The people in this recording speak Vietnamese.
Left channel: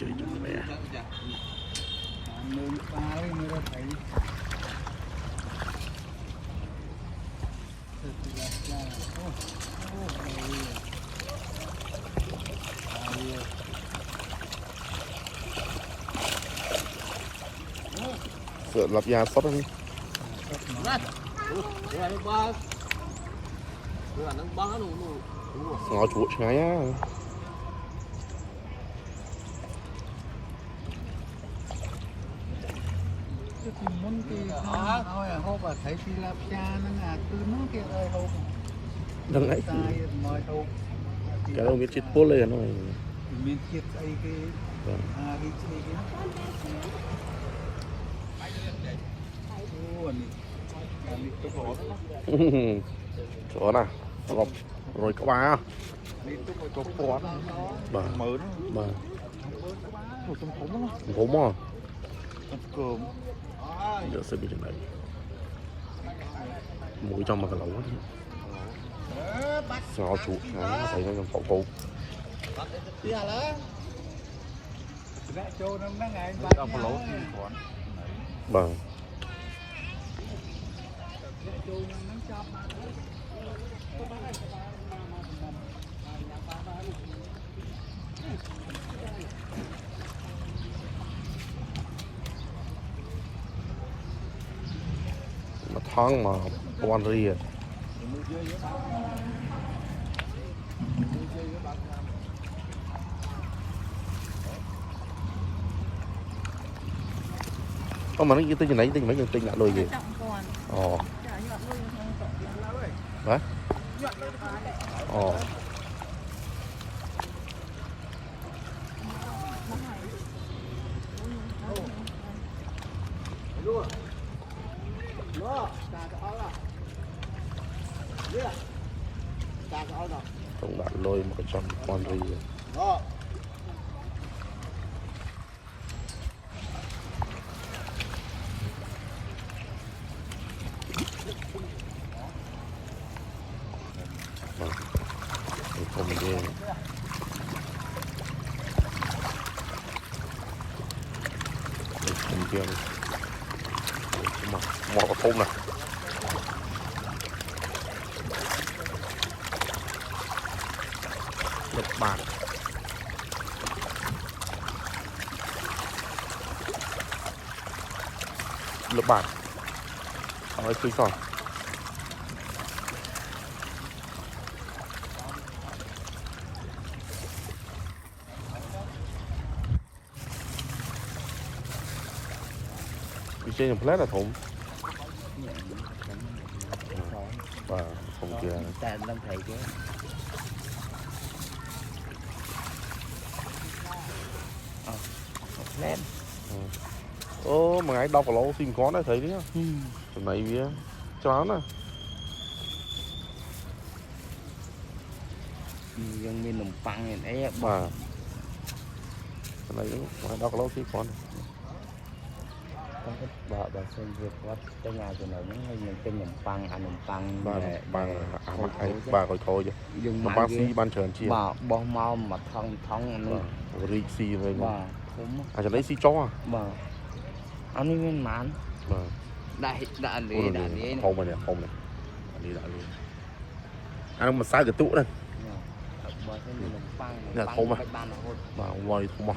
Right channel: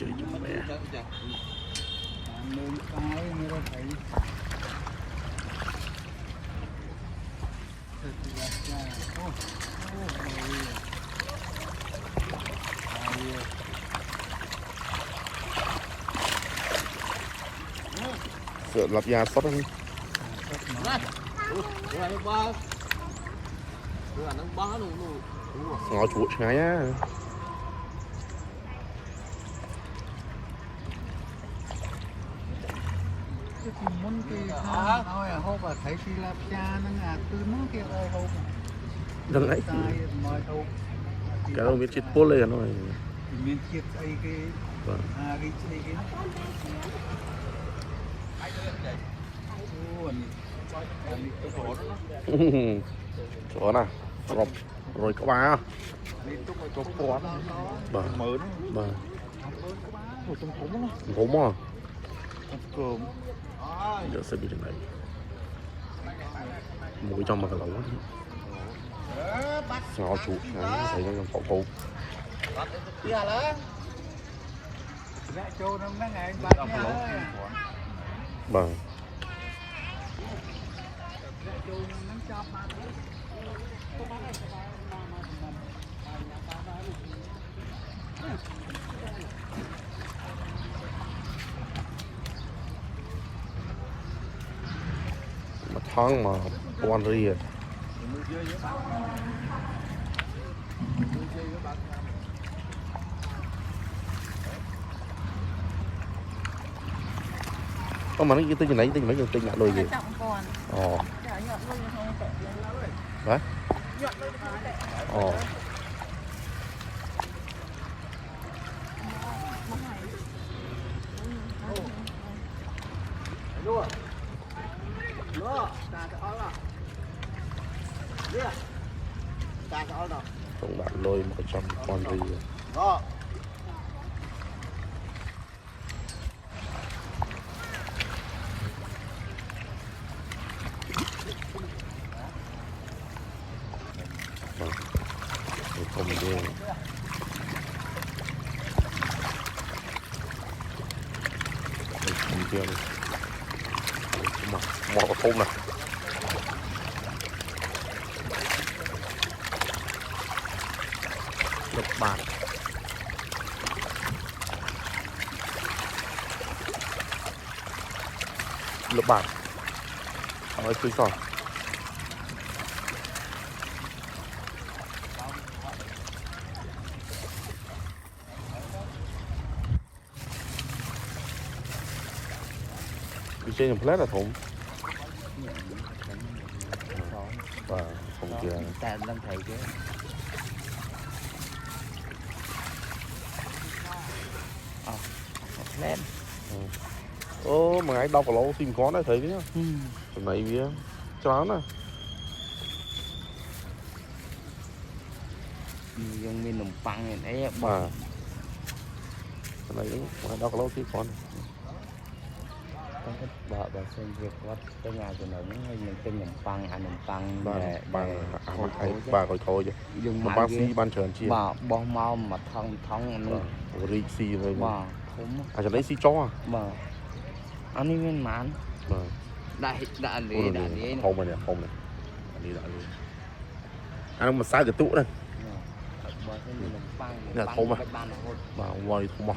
chị Vậy lập gia tốt không? Ngồi chuột ngay á. Muốn cái nói hộp à thấy si lạp cha nó ngạt từ nó kia ơi hộp Đừng ấy. sai nói hộp Cái đó biết chết phố lên rồi. miền chiết ấy cái cái Có đâu. Rồi có ba. Bà. Bà. Gốm à? Để sẽ đi trong này. Mũi trong mà cái lẩu. Cho chủ phải nó còn phụ. Vẽ châu nó mấy ngày bác nhá. Vâng. Vẽ châu nó chọc mà. Mà thoáng mà quan đi à. Mà nó tới nãy là trên lại đồ gì? Hả? Từng bạn đôi 100 con đi rồi. Một khúc này. Lớp bạc. Đấy cứ rồi. Trên nó là cũng lên. Ô mà ngày bao lỗ xin có nó thấy đấy. Mày chó nó. Giống như mình tăng rồi đấy. Đấy, nó có lỗ xin có. Bà xem việc quá cái ngoài của nó mình trên mình tăng nè bà phải thôi chứ nhưng mà bác sĩ ban chèn chi bà bong mau mà thông này rồi xì rồi mà còn cái đấy xì chó à mà anh ấy nguyên mãn không này đi lại luôn mà sai cái tụ này là không mà ngoài không mà